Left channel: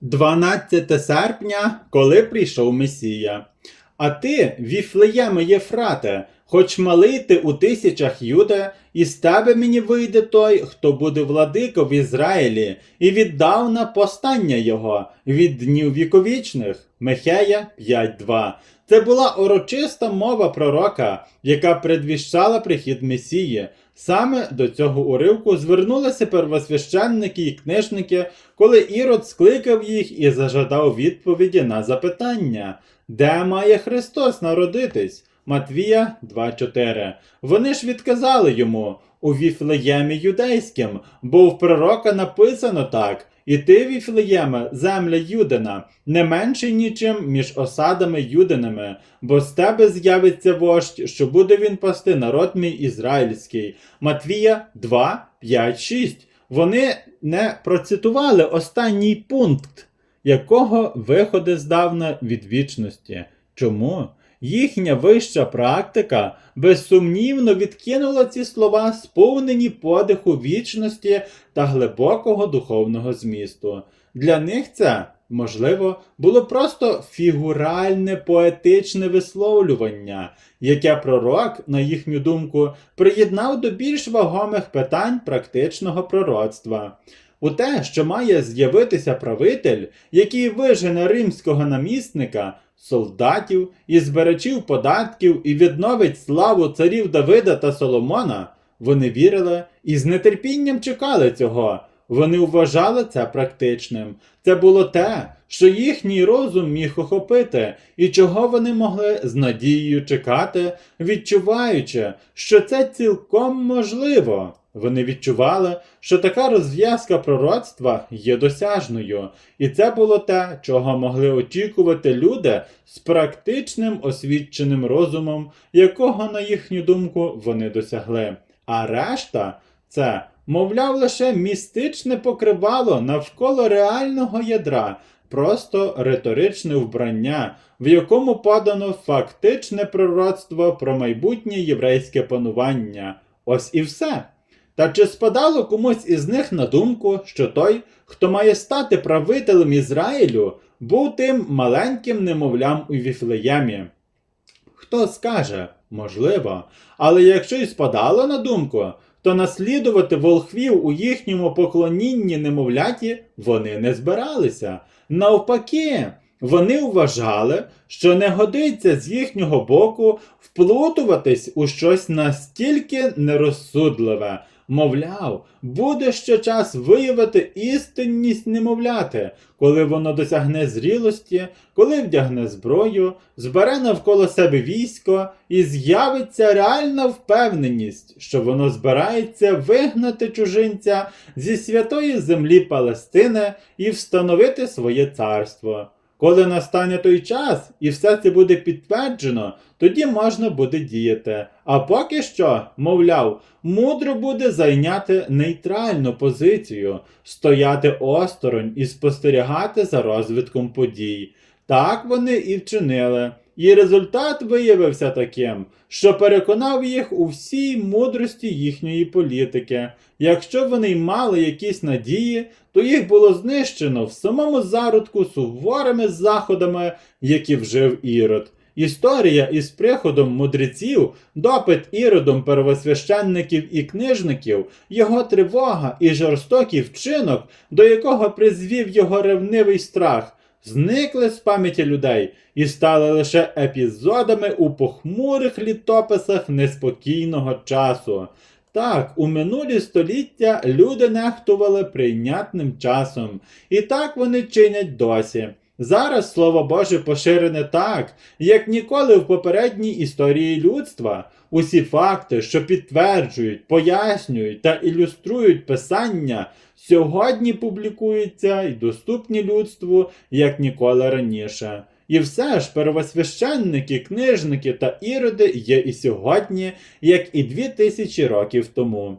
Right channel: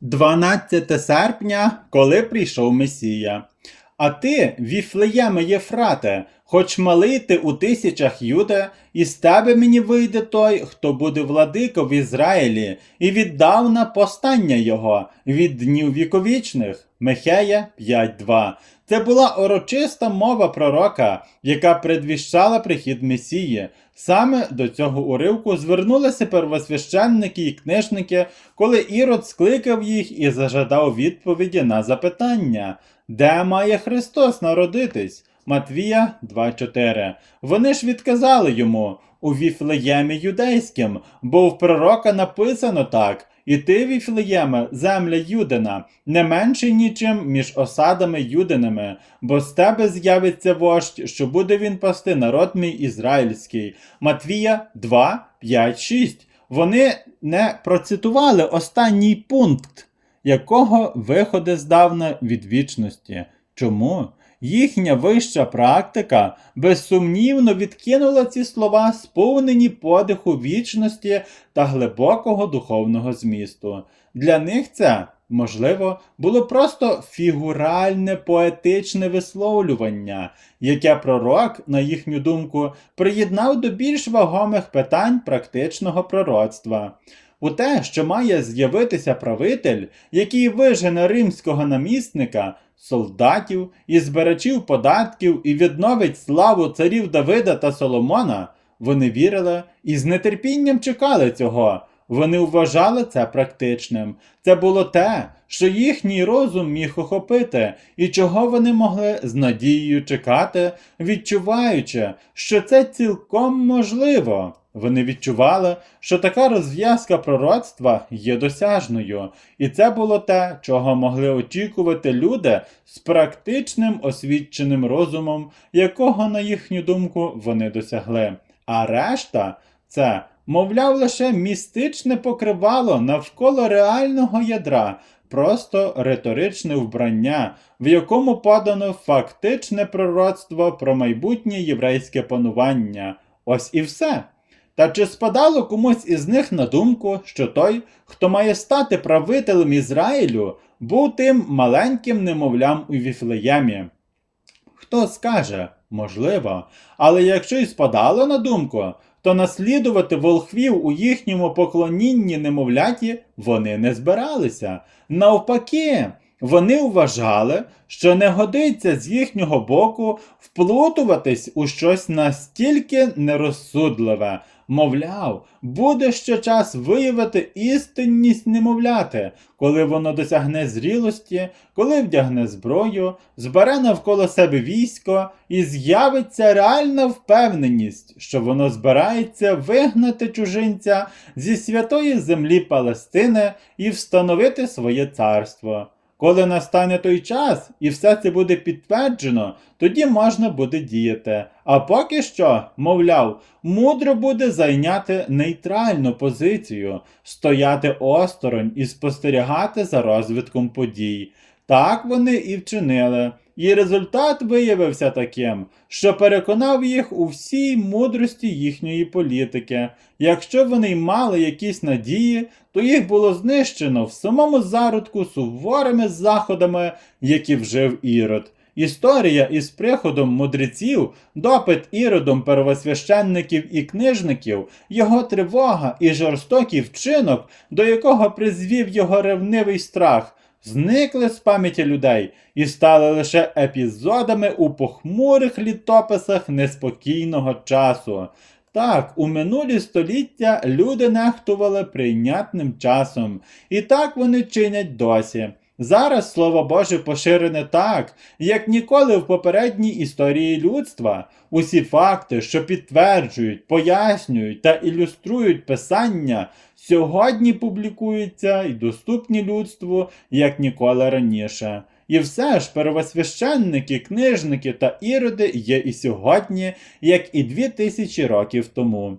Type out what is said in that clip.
12 серпня, коли прийшов Месія. А ти, Віфлеєме Єфрате, хоч малий ти у тисячах юде, і з тебе мені вийде той, хто буде владико в Ізраїлі, і віддавна постання його від днів віковічних. Михея 5.2. Це була урочиста мова пророка, яка предвіщала прихід Месії. Саме до цього уривку звернулися первосвященники і книжники, коли Ірод скликав їх і зажадав відповіді на запитання, де має Христос народитись? Матвія 2.4. Вони ж відказали йому у Віфлеємі юдейським, бо в пророка написано так. І ти, Віфлеєме, земля Юдина, не менший нічим між осадами юдинами, бо з тебе з'явиться вождь, що буде він пасти народ мій ізраїльський. Матвія 2, 5, 6. Вони не процитували останній пункт, якого виходи здавна від вічності. Чому? Їхня вища практика безсумнівно відкинула ці слова, сповнені подиху вічності та глибокого духовного змісту. Для них це, можливо, було просто фігуральне поетичне висловлювання, яке пророк, на їхню думку, приєднав до більш вагомих питань практичного пророцтва. У те, що має з'явитися правитель, який вижене римського намісника, солдатів і збирачів податків і відновить славу царів Давида та Соломона, вони вірили і з нетерпінням чекали цього. Вони вважали це практичним. Це було те, що їхній розум міг охопити, і чого вони могли з надією чекати, відчуваючи, що це цілком можливо. Вони відчували, що така розв'язка пророцтва є досяжною, і це було те, чого могли очікувати люди з практичним освіченим розумом, якого, на їхню думку, вони досягли. А решта це, мовляв, лише містичне покривало навколо реального ядра, просто риторичне вбрання, в якому подано фактичне пророцтво про майбутнє єврейське панування. Ось і все. Та чи спадало комусь із них на думку, що той, хто має стати правителем Ізраїлю, був тим маленьким немовлям у Віфлеємі? Хто скаже, можливо, але якщо й спадало на думку, то наслідувати волхвів у їхньому поклонінні немовляті вони не збиралися. Навпаки, вони вважали, що не годиться з їхнього боку вплутуватись у щось настільки нерозсудливе. Мовляв, буде ще час виявити істинність немовляти, коли воно досягне зрілості, коли вдягне зброю, збере навколо себе військо і з'явиться реальна впевненість, що воно збирається вигнати чужинця зі святої землі Палестини і встановити своє царство. Коли настане той час і все це буде підтверджено, тоді можна буде діяти. А поки що, мовляв, мудро буде зайняти нейтральну позицію, стояти осторонь і спостерігати за розвитком подій. Так вони і вчинили. І результат виявився таким, що переконав їх у всій мудрості їхньої політики. Якщо вони мали якісь надії, то їх було знищено в самому зародку суворими заходами, які вжив Ірод. Історія із приходом мудреців, допит іродом первосвященників і книжників, його тривога і жорстокий вчинок, до якого призвів його ревнивий страх, зникли з пам'яті людей і стали лише епізодами у похмурих літописах неспокійного часу. Так, у минулі століття люди нехтували прийнятним часом, і так вони чинять досі. Зараз слово Боже поширене так, як ніколи в попередній історії людства. Усі факти, що підтверджують, пояснюють та ілюструють писання, сьогодні публікуються і доступні людству як ніколи раніше. І все ж первосвященники, книжники та іроди є і сьогодні, як і дві тисячі років тому.